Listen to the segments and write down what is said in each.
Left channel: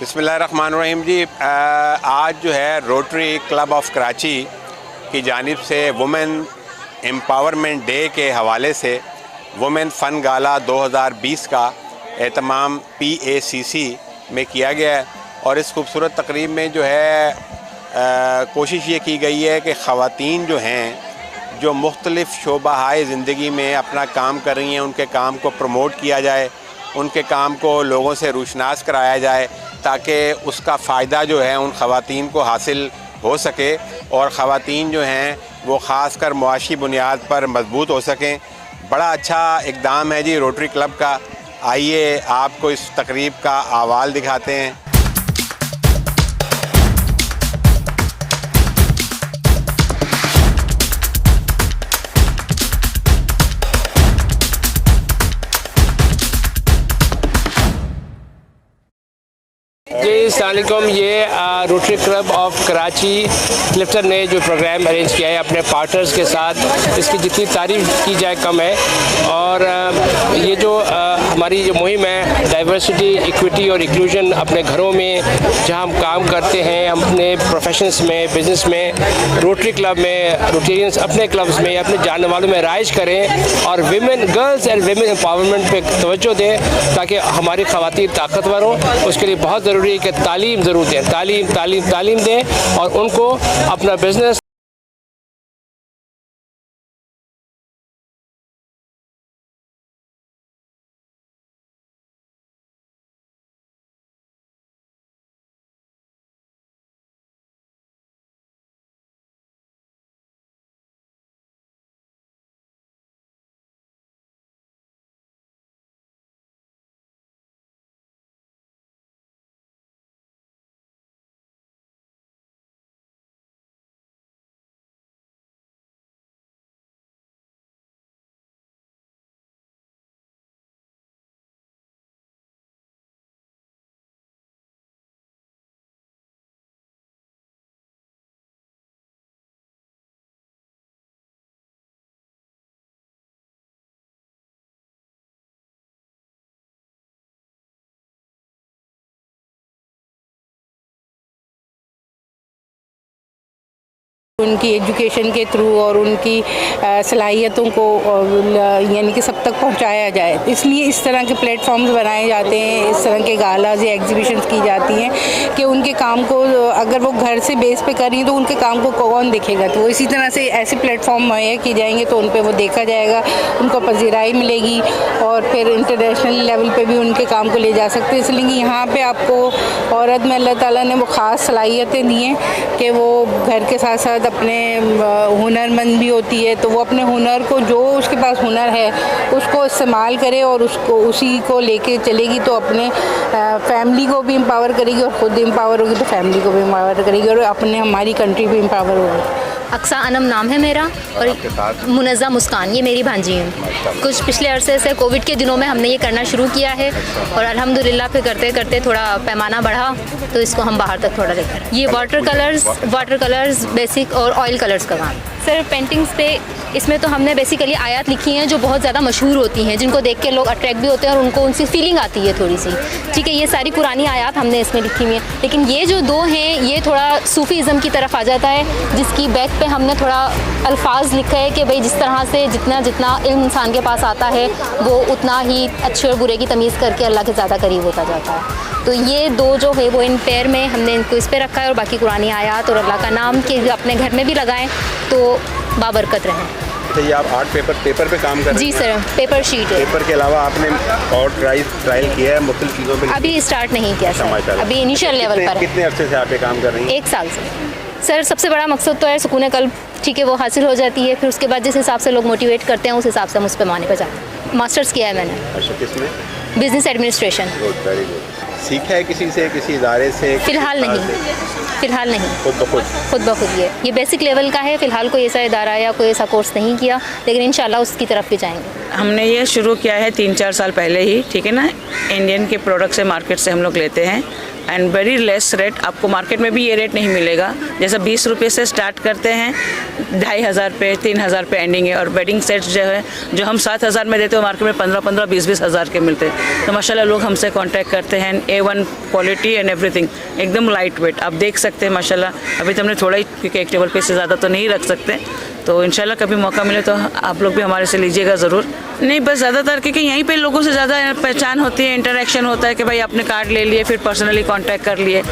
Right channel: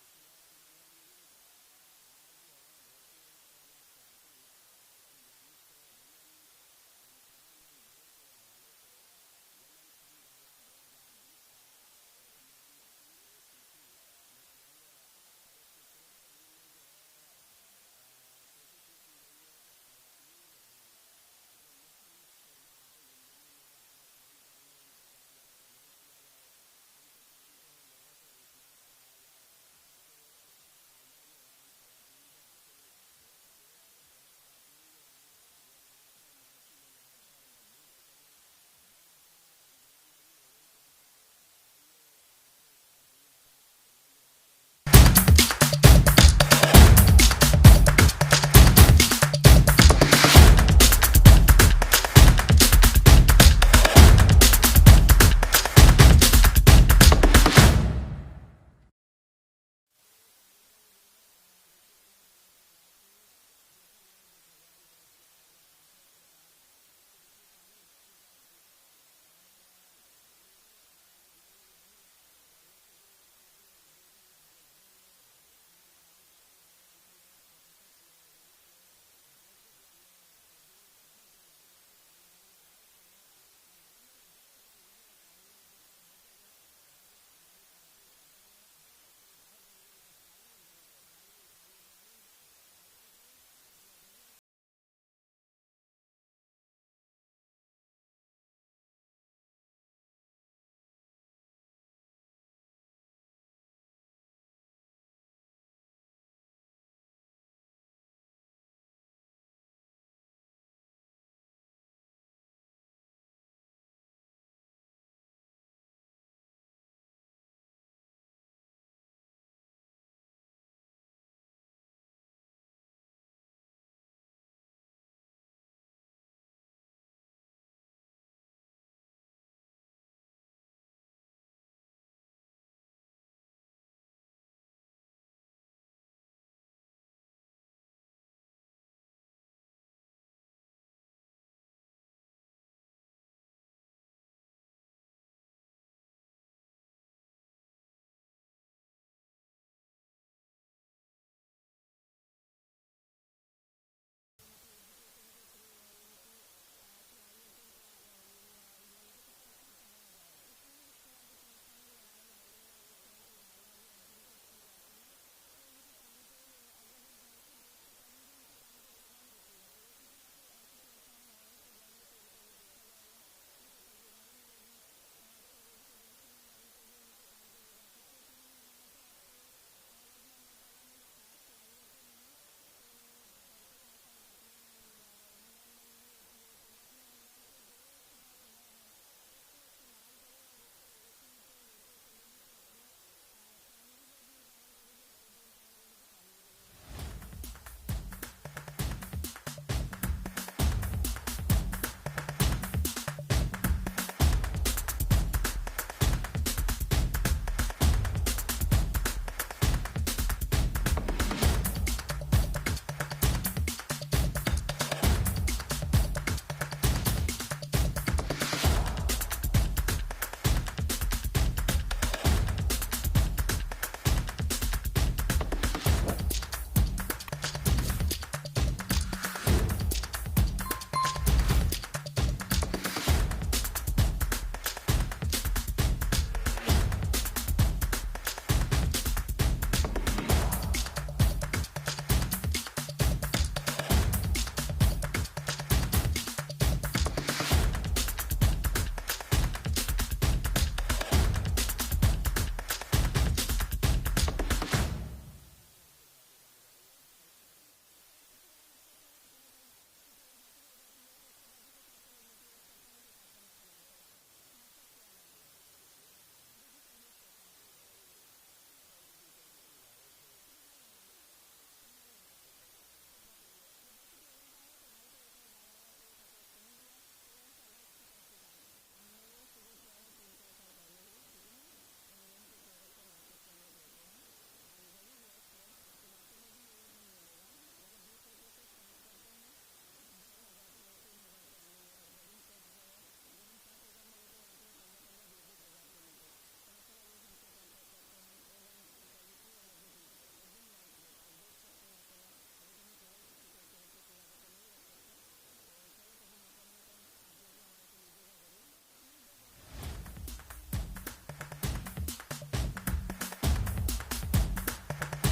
बिस्मिल्लाहिर्रहमानिर्रहीम जी। आज जो है रोटरी क्लब ऑफ कराची की जानिब से वुमेन एम्पावरमेंट डे के हवाले से वुमेन फ़न गाला 2020 का एहतमाम PACC में किया गया है। और इस खूबसूरत तकरीब में जो है कोशिश ये की गई है कि ख़वातीन जो हैं जो मुख्तलिफ़ शोबाहाए ज़िंदगी में अपना काम कर रही हैं, उनके काम को प्रमोट किया जाए, उनके काम को लोगों से रूशनास कराया जाए ताकि उसका फ़ायदा जो है उन ख़वातीन को हासिल हो सके और ख़वातीन जो हैं वो ख़ास कर मुआशी बुनियाद पर मजबूत हो सकें। बड़ा अच्छा इक़दाम है जी रोटरी क्लब का। आइए आपको इस तकरीब का अहवाल दिखाते हैं। अस्सलामुअलैकुम। ये rotary club of Karachi Clifton ने जो प्रोग्राम अरेंज किया है अपने पार्टनर्स के साथ, इसकी जितनी तारीफ़ की जाए कम है। और ये जो हमारी जो मुहिम है डाइवर्सिटी, इक्विटी और इंक्लूजन अपने घरों में जहाँ हम काम करते हैं, अपने प्रोफेशंस में, बिज़नेस में, रोटरी क्लब में, रोटेरियंस अपने क्लब्स में, अपने जानने वालों में राइज करें और women, girls and women empowerment पे तवज्जो दें ताकि हमारी ख़वातीन ताकतवर हों। उसके लिए बहुत ज़रूरी है कि तालीम ज़रूर दें, तालीम दें और उनको अपना बिज़नेस उनकी एजुकेशन के थ्रू और उनकी सलाहियतों को यानी कि सब तक पहुंचाया जाए। इसलिए इस तरह के प्लेटफॉर्म्स बनाए जाते हैं, इस तरह के गालाज या एग्जीबिशंस की जाती हैं कि उनके काम को अगर वो घर से बेस पे करें तो उनके काम को कौन देखेगा। तो इसी तरह से ऐसे प्लेटफॉर्म मुहैया किए जाएंगे तो उन पर वो देखा जाएगा, उनको पजीराई मिलेगी और फिर इंटरनेशनल लेवल पे भी उनके काम को ले जा सकते हैं। इसलिए यहाँ पे आपको औरत में अल्लाह ताला ने वो ख़ास सलाहियतें दी हैं कि वो घर के साथ साथ अपने हुनरमंद भी होती है, तो वो अपने हुनर को, जो उसके पास हुनर है उसको इस्तेमाल करे और उसको उसी को लेके चलेगी तो अपने फैमिली को भी एम्पावर करेगी और ख़ुद एम्पावर होगी तो फैमिली को भी एम्पावर करेगी और अपने हमारी कंट्री भी एम्पावर होगी। अक्सा अनम नाम है मेरा और मुनज़्ज़ा मुस्कान ये मेरी भांजी है। कुछ पिछले अरसे से कोविड के दिनों में हमने ये करना शुरू किया है और अल्हम्दुलिल्लाह फिर करते करते थोड़ा पैमाना बढ़ा तो इसको हम बाहर तक थोड़ा लेकर। ये वाटर कलर्स बेसिक और ऑयल कलर्स का काम। सर पेंटिंग्स पे इसमें तो हमने बेसिकली आयत लिखी हैं जो बहुत ज़्यादा मशहूर होती हैं, जिनको देख के लोग अट्रैक्ट भी होते हैं और उनको उनसी फीलिंग आती है थोड़ी सी। ठीक है, ये सारी पुरानी आयत हमने इसमें लिखी हुई हैं, लेकिन ये जो दो हैं ये थोड़ा सूफ़ीज़म की तरफ आ जाता है, जिसकी बैक पे हमने थोड़ा अल्फाज लिखा है कि भाई जिस तरह से जितना इल्म इंसान के पास आता है वो उतना ही अच्छे और बुरे की तमीज़ करके अल्लाह के ज़्यादा करीब होता जाता है। तो ये दो जो है वो इन पेयर में हमने इनको इस पे रखा है और बाकी कुरानी आयत और अल्लाह का नाम के अपने घर में भी लगाएं तो बाबरकत रहें। तो ये आप आर्ट पेपर पे काम कर रहे हैं? जी सर, पेपर शीट है। पेपर के अलावा आपने और ट्रायल किया है मुख्तलिफ चीज़ों पे? अभी स्टार्ट नहीं किया सर, अभी इनिशियल लेवल पर। कितने अरसे से आप ये काम कर रही हैं? 1 साल से। सर सबसे बड़ा मकसद तो है सुकून कल्ब, ठीक है, वो हासिल हो जाती है। फिर उसके बाद जिस हिसाब से लोग मोटिवेट करते हैं उस हिसाब से हम उस पैमाने पर जाते हैं। मास्टर्स किया है मैंने। अच्छा, किसमें? Business administration. Very good. सीखा है किसी से, किसी इदारे से? फ़िलहाल नहीं, खुद ब खुद ये बेसिक लेवल का है। फ़िलहाल कोई ऐसा इदारा या कोई ऐसा कोर्स नहीं किया, लेकिन इंशाल्लाह उसकी तरफ भी जाएंगे। हमने ये शुरू किया है 3-4 साल पहले ही, ठीक है ना। इंडियन के प्रोडक्ट से मार्केट से हम लोग लेते हैं एंड वेरी लेस रेट। आपको मार्केट में भी ये रेट नहीं मिलेगा। जैसा 20 रुपये से स्टार्ट करते हैं, 2,500 पे 3,000 पे एंडिंग है। और वेडिंग सेट्स जो है जो हम 7,000 में देते हैं मार्केट में 15-15, 20-20 हज़ार के मिलते हैं। तो माशाल्लाह लोग हमसे कांटेक्ट करते हैं। A1 क्वालिटी एंड एवरीथिंग, एकदम लाइट वेट। आप देख सकते हैं माशाल्लाह। अभी तो हमने थोड़ा ही, क्योंकि एक टेबल पे से ज़्यादा तो नहीं रख सकते, तो इंशाल्लाह कभी मौका मिले तो आप लोग भी हमारे से लीजिएगा ज़रूर। नहीं, बस ज़्यादातर क्योंकि यहीं पे लोगों से ज़्यादा पहचान होती है, इंटरेक्शन होता है कि भाई आपने कार्ड ले लिए, फिर पर्सनली कांटेक्ट कर लिए।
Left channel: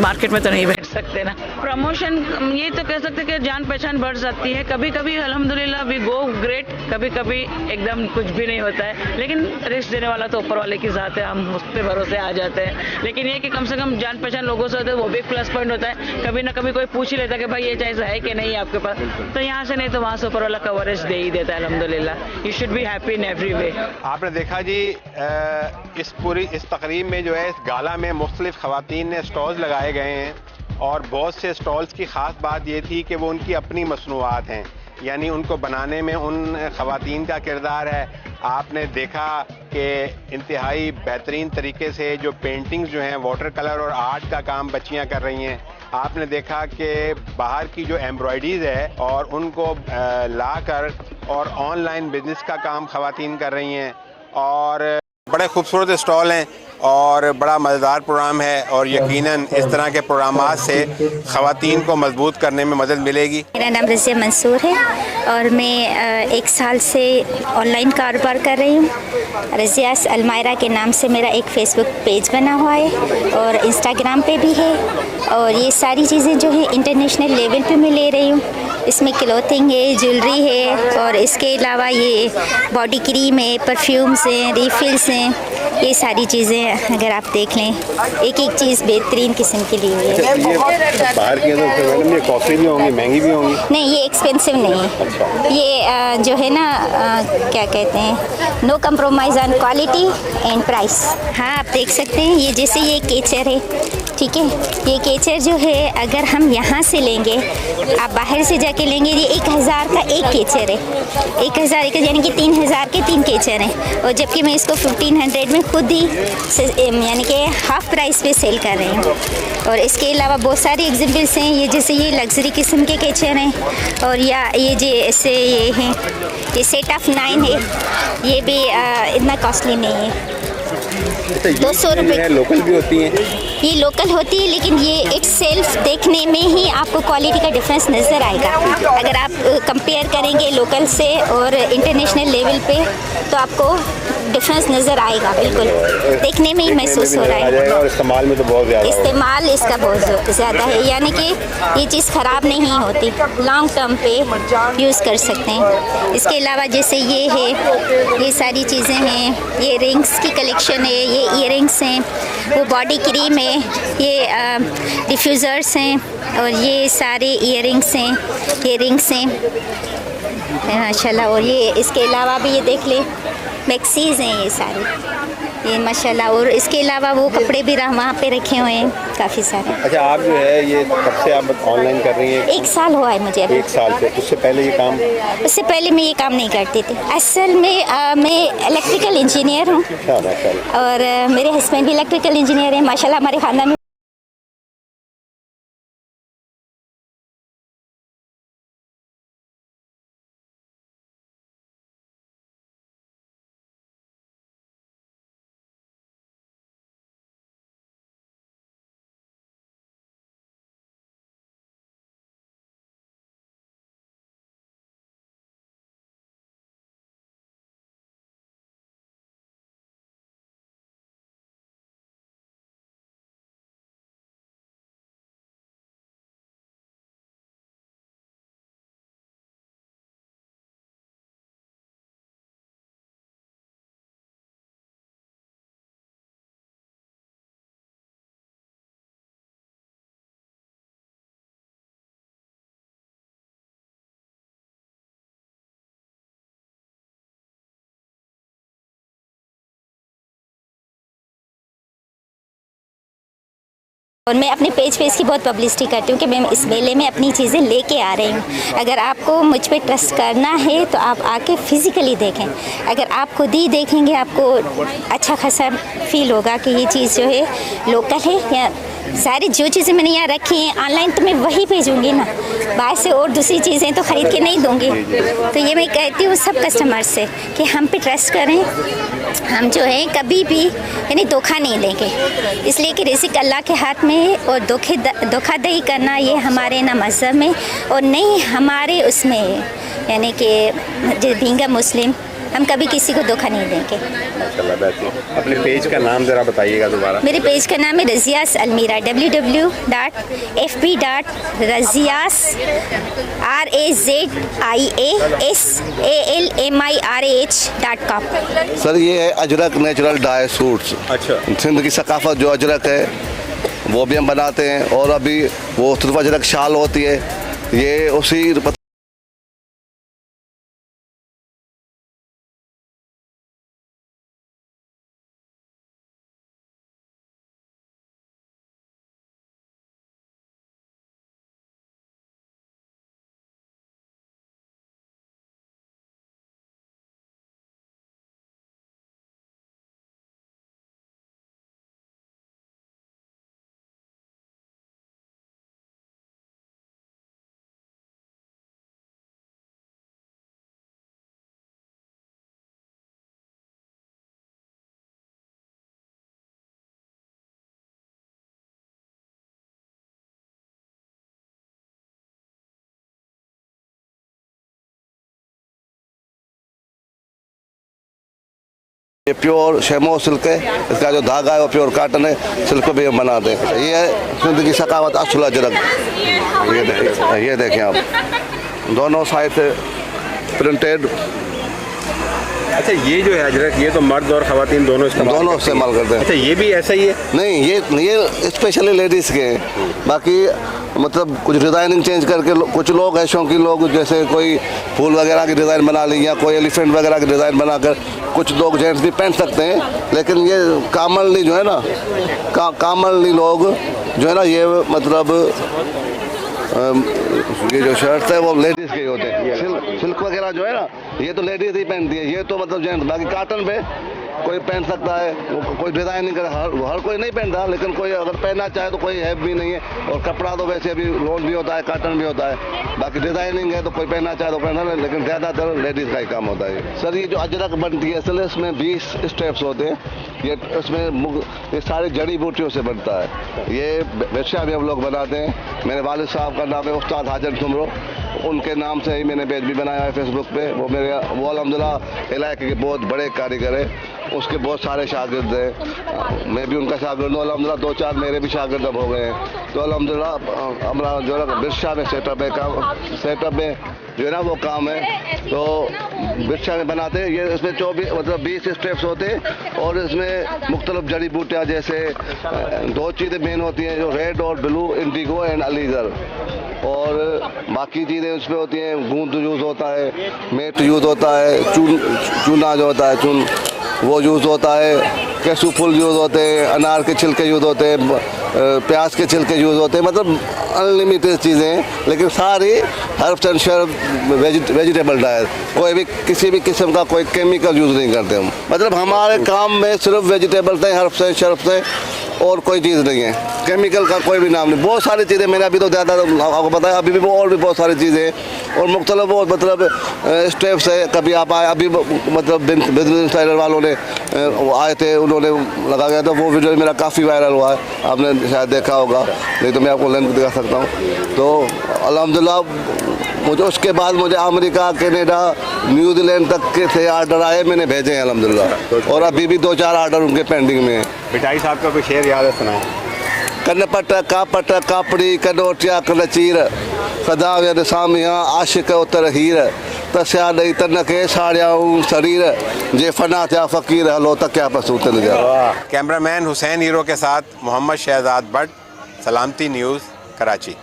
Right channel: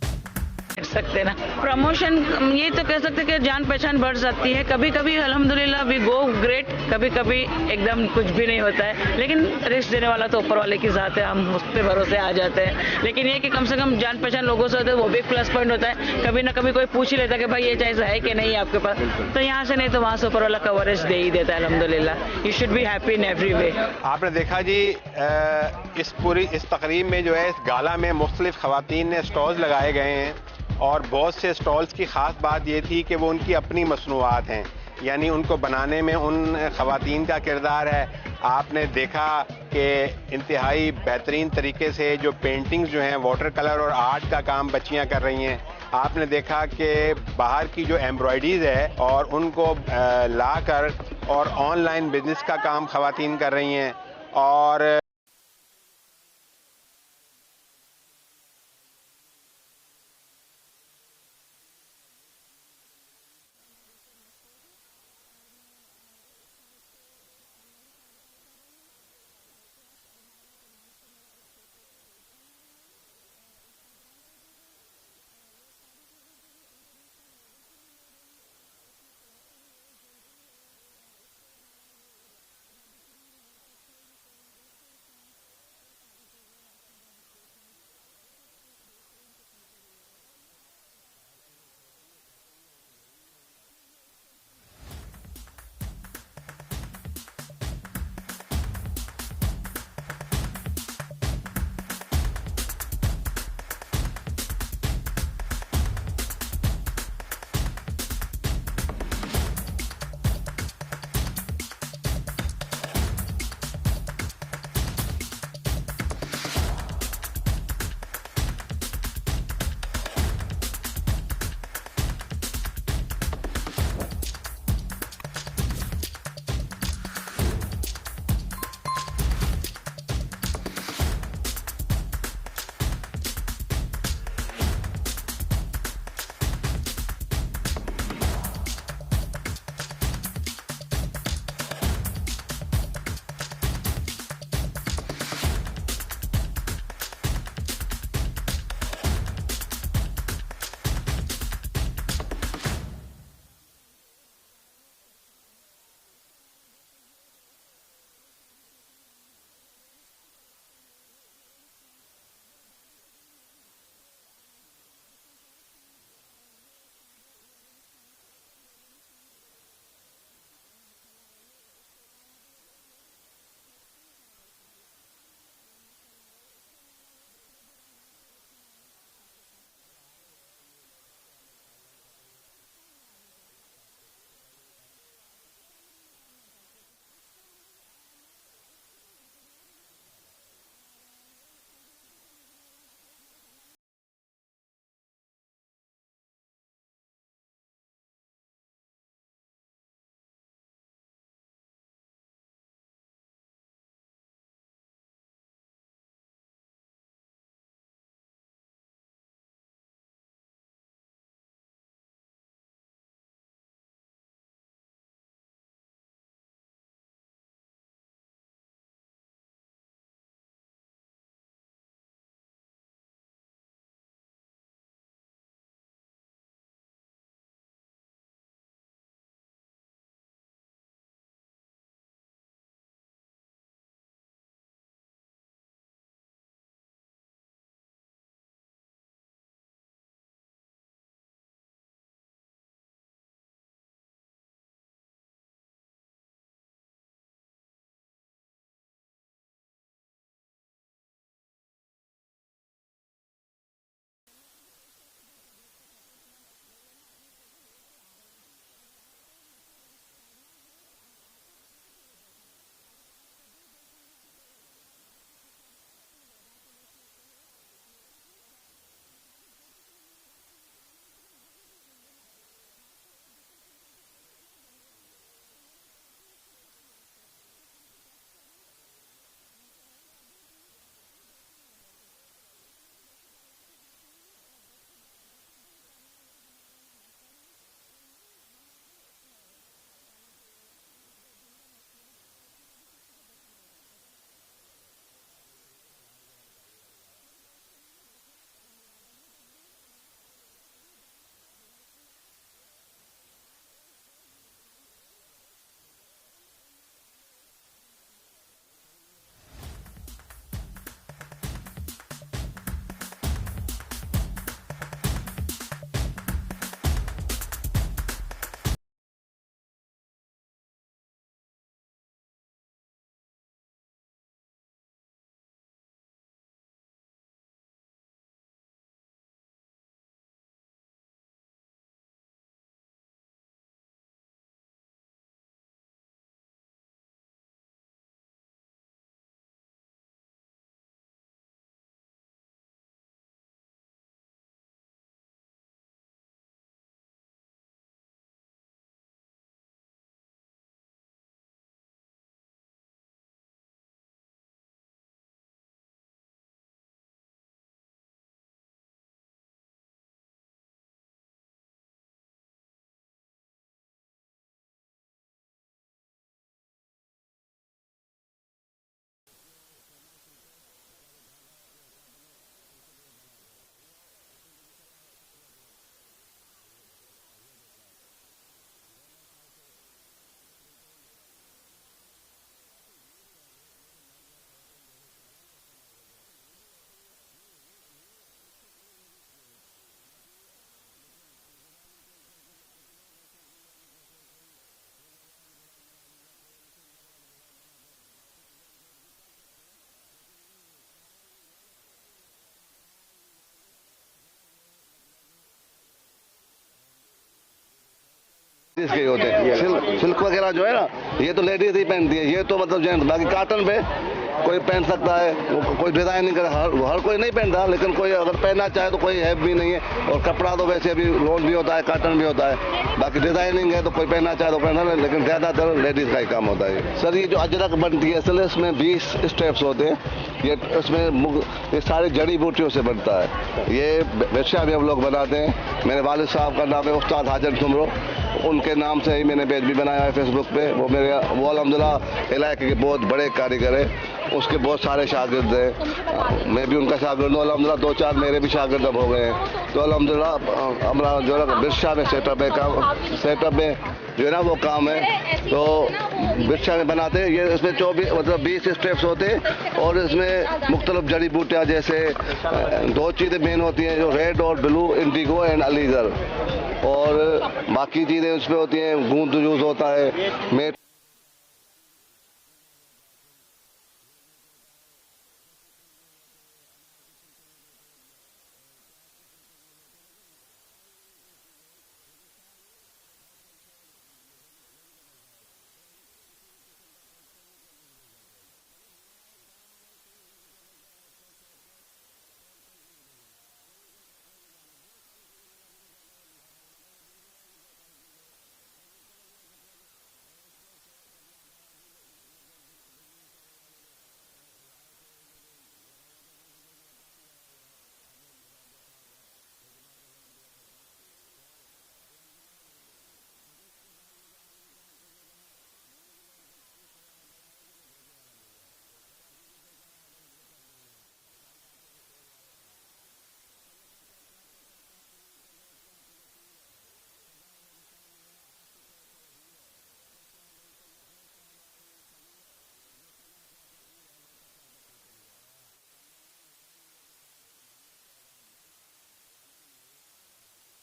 मार्केट में तो नहीं बैठ सकते ना। प्रमोशन ये तो कह सकते कि जान पहचान बढ़ जाती है। कभी कभी अल्हम्दुलिल्लाह वी गो ग्रेट, कभी कभी एकदम कुछ भी नहीं होता है। लेकिन रिस्क देने वाला तो ऊपर वाले की ज़ात है, हम उस पर भरोसे आ जाते हैं। लेकिन ये कि कम से कम जान पहचान लोगों से होता है, वो भी एक प्लस पॉइंट होता है। कभी ना कभी कोई पूछ ही लेता है कि भाई ये चीज़ है कि नहीं आपके पास, तो यहाँ से नहीं तो वहाँ से ऊपर वाला कवरेज दे ही देता है अल्हम्दुलिल्लाह। You should be happy in every way. आपने देखा जी, इस तकरीब में जो है, इस गाला में मुख्तलिफ ख़वातीन ने स्टॉल्स लगाए गए हैं। और बहुत से स्टॉल्स की ख़ास बात ये थी कि वो उनकी अपनी मसनूआत हैं, यानी उनको बनाने में उन ख़वातीन का किरदार है। आपने देखा कि इंतहाई बेहतरीन तरीके से जो पेंटिंग्स जो हैं, वाटर कलर और आर्ट का काम बच्चियां कर रही हैं। आपने देखा कि बाहर की जो एम्ब्रॉयडरीज है और उनको ला कर और ऑनलाइन बिजनेस का काम ख़वातीन कर रही हैं। और बड़े खूबसूरत स्टॉल हैं और बड़ा मज़ेदार प्रोग्राम है। और यकीनन इस तरह के प्रोग्रामात से ख़वातीन को मजबूत करने में मदद मिलेगी। मेरा नाम रज़िया मंसूर है और मैं 1 साल से ऑनलाइन कारोबार कर रही हूँ। रज़ियास अलमायरा के नाम से मेरा एक फ़ेसबुक पेज बना हुआ है और इंस्टाग्राम पे भी है। और ये सारी चीज़ें जो है इंटरनेशनल लेवल पे मैं ले रही हूँ। इसमें क्लोथिंग है, ज्वेलरी है और इसके अलावा ये बॉडी क्रीम है, परफ्यूम्स हैं, रिफिल्स हैं। ये सारी चीज़ें अगर आप देख लें, एक एक चीज़ बेहतरीन किस्म की ली हुई है। ये बाहर की तो मैडम ये कॉस्टली भी होंगी, महंगी भी होंगी? नहीं, ये एक्सपेंसिव नहीं है। अच्छा। ये जो है ना, क्या कहते हैं, no compromise on quality and price. हाँ, आप देख सकते हैं, ये जैसे ये केचर है, ठीक है। ये केचर जो है अगर हम यहाँ से लेंगे, आप बाहर से जाके लेंगे, ये 1,000 का एक केचर है। 1,000 यानी कि 3,000 के 3 केचर हैं। और जबकि मैं इसको 1,500 में खुद ही यानी कि हाफ प्राइस पे सेल कर रही हूँ। और इसके अलावा बहुत सारे एग्जाम्पल्स हैं। ये जैसे ये लग्जरी किस्म के केचर हैं। और या ये जैसे ये हैं, ये सेट ऑफ 9 है। ये भी इतना कॉस्टली नहीं है। 200 रुपये। लोकल भी होती हैं? ये लोकल होती है, लेकिन ये इट्स सेल्फ देखने में ही आपको क्वालिटी का डिफरेंस नज़र आएगा। अगर आप कंपेयर करेंगे लोकल से और इंटरनेशनल लेवल पे, तो आपको डिफरेंस नज़र आएगा। बिल्कुल देखने में ही महसूस हो रहा है। और इस्तेमाल में तो बहुत ज़्यादा इस्तेमाल इसका बहुत ज़्यादा है, यानी कि ये चीज़ ख़राब नहीं होती, लॉन्ग टर्म पे यूज़ कर सकते हैं। इसके अलावा जैसे ये है, ये सारी चीज़ें हैं। ये रिंग्स की कलेक्शन है, ये ईयरिंग्स हैं, वो बॉडी क्रीम है, ये डिफ्यूज़र्स हैं और ये सारे ईयरिंग्स हैं, ये रिंग्स हैं माशाल्लाह। और ये इसके अलावा भी ये देख ले, मैक्सीज़ हैं ये सारी, ये माशाल्लाह। और इसके अलावा वो कपड़े भी वहाँ पे रखे हुए हैं काफ़ी सारे। अच्छा, आप जो है ये कब से आप ऑनलाइन कर रही हैं? 1 साल हुआ है मुझे अभी। 1 साल से? उससे पहले ये काम? उससे पहले मैं ये काम नहीं करती थी। असल में मैं इलेक्ट्रिकल इंजीनियर हूँ और मेरे हस्बैंड भी इलेक्ट्रिकल इंजीनियर हैं। माशाल्लाह हमारे खानदान में और मैं अपने पेज पे इसकी बहुत पब्लिसिटी करती हूँ कि मैं इस मेले में अपनी चीज़ें लेके आ रही हूँ। अगर आपको मुझ पे ट्रस्ट करना है तो आप आके फिज़िकली देखें। अगर आप खुद ही देखेंगे आपको अच्छा खासा फील होगा कि ये चीज़ जो है लोकल है। या सारी जो चीज़ें मैंने यहाँ रखी हैं ऑनलाइन तो मैं वही भेजूँगी ना, बाहर से और दूसरी चीज़ें तो ख़रीद के नहीं दूँगी। तो ये मैं कहती हूँ सब कस्टमर्स से कि हम पे ट्रस्ट करें। हम जो है कभी भी यानी धोखा नहीं देंगे, इसलिए कि रिज़्क़ अल्लाह के हाथ में है और धोखाधड़ी करना ये हमारे ना मज़हब में और नहीं हमारे उसमें है। यानी कि बीइंग अ मुस्लिम हम कभी किसी को धोखा नहीं देंगे। अपने पेज का नाम ज़रा बताइएगा दोबारा। मेरे पेज का नाम है रज़ियास अलमीरा, www.fb.raziasalmirah.com। सर ये है अजरक नेचुरल डाई सूट्स। अच्छा। सिंध की सकाफत जो अजरक है वो भी हम बनाते हैं और अभी वो सिर्फ अजरक शाल होती है, ये उसी ये प्योर शेमो सिल्क है, इसका जो धागा है वो प्योर कॉटन है, सिल्क भी हम बनाते हैं। ये है सिंध की सकावत असल अजरक। ये देखें आप, दोनों साइड से प्रिंटेड। अच्छा, ये जो है अजरक ये तो मर्द और ख़वातीन दोनों इस्तेमाल करते हैं। अच्छा, ये भी ऐसा ही है? नहीं, ये स्पेशली लेडीज़ के हैं। बाकी मतलब कुछ डिज़ाइनिंग चेंज करके कुछ लोग हैं शौकीन लोग, जैसे कोई फूल वगैरह की डिज़ाइन बना ली या कोई एलिफेंट वगैरह की डिज़ाइन बनाकर कुछ लोग जेंट्स भी पहन सकते हैं। लेकिन ये कॉमनली जो है ना कॉमनली लोग जो है ना ये मतलब ये जो शर्ट है वो लेडीज़ के ही होते हैं। सिल्क वगैरह जो है ना ये तो लेडीज़ ही पहनती है, ये तो मतलब जेंट्स। बाकी कॉटन पे कोई पहन सकता है, कोई डिज़ाइन नहीं करे, हर कोई नहीं पहनता, लेकिन कोई अगर पहनना चाहे तो कोई है भी नहीं है। और कपड़ा तो वैसे भी लोन भी होता है, कॉटन भी होता है। बाकी डिज़ाइनिंग है तो कोई पहनना चाहे तो पहना, लेकिन ज़्यादातर लेडीज़ का ही काम होता है। सर ये जो अजरक बनती है असल इसमें 20 स्टेप्स होते हैं। ये इसमें ये सारी जड़ी बूटियों से बनता है। ये बेशा भी हम लोग बनाते हैं। मेरे वालिद साहब का नाम है उस्ताद हाजर ठुमरो, उनके नाम से ही मैंने पेज भी बनाया है फेसबुक पे। वो अल्हम्दुलिल्लाह इलाके के बहुत बड़े कारीगर है, उसके बहुत सारे शागिर्द हैं। मैं भी उनका शागिर्द हूँ अल्हम्दुलिल्लाह। 2-4 मेरे भी शागिर्द अब हो गए हैं। तो अल्हम्दुलिल्लाह हमारा जो है बिरशा में सेटअप में जो है ना वो काम है। तो बिरशा में बनाते हैं। ये इसमें 20 स्टेप्स होते हैं और इसमें मुख्तलिफ जड़ी बूटियाँ जैसे 2 चीज़ें मेन होती हैं, जो रेड और ब्लू, इंडिगो एंड अलीगर। और बाकी चीज़ें उसमें होती हैं, गूंद यूज़ होता है, मेट यूज़ होता है, चूना जो होता है चून वो यूज़ होता है, कैसू फूल यूज़ होते हैं, अनार के छिलके यूज़ होते हैं, प्याज के छिलके यूज़ होते हैं। मतलब अनलिमिटेड चीज़ें हैं, लेकिन सारी herbs and shrub vegetable diet. कोई भी किसी भी किस्म का कोई केमिकल यूज़ नहीं करते हम। मतलब हमारे काम में सिर्फ वेजिटेबल्स हैं, हर्ब्स हैं, शर्ब्स हैं और कोई चीज़ नहीं है। केमिकल का कोई भी नाम नहीं। बहुत सारी चीज़ें मैंने अभी तो ज़्यादा आपको बताया, अभी भी और भी बहुत सारी चीज़ें हैं और मुख्तलिफ वो मतलब स्टेप्स है। कभी आप आए, अभी मतलब बिजनेस इंसाइडर वालों ने आए थे, उन्होंने लगा गया था, वो वीडियो मेरा काफ़ी वायरल हुआ है, आपने शायद देखा होगा, नहीं तो मैं आपको लिंक दिखा सकता हूँ। तो अल्हम्दुलिल्लाह मुझे उसके बाद मुझे अमेरिका, कनाडा, न्यूजीलैंड तक के थे आर्डर आए, मैंने भेजे हैं अल्हम्दुलिल्लाह। और अभी भी 2-4 आर्डर उनके पेंडिंग में हैं। मिठाई साहब का कोई शेर याद है, सुनाए? कन्नपट कापट कापड़ी कनोटिया कनचीर सदा व्यद सामिया आशिक उतर हीर तस्या ॾेई तन खे साड़ियाऊं शरीर जे फना थिया फ़कीर हलो त क्या पसूतन जा। कैमरामैन हुसैन हीरो के साथ मोहम्मद शहजाद भट्ट, सलामती न्यूज़, कराची।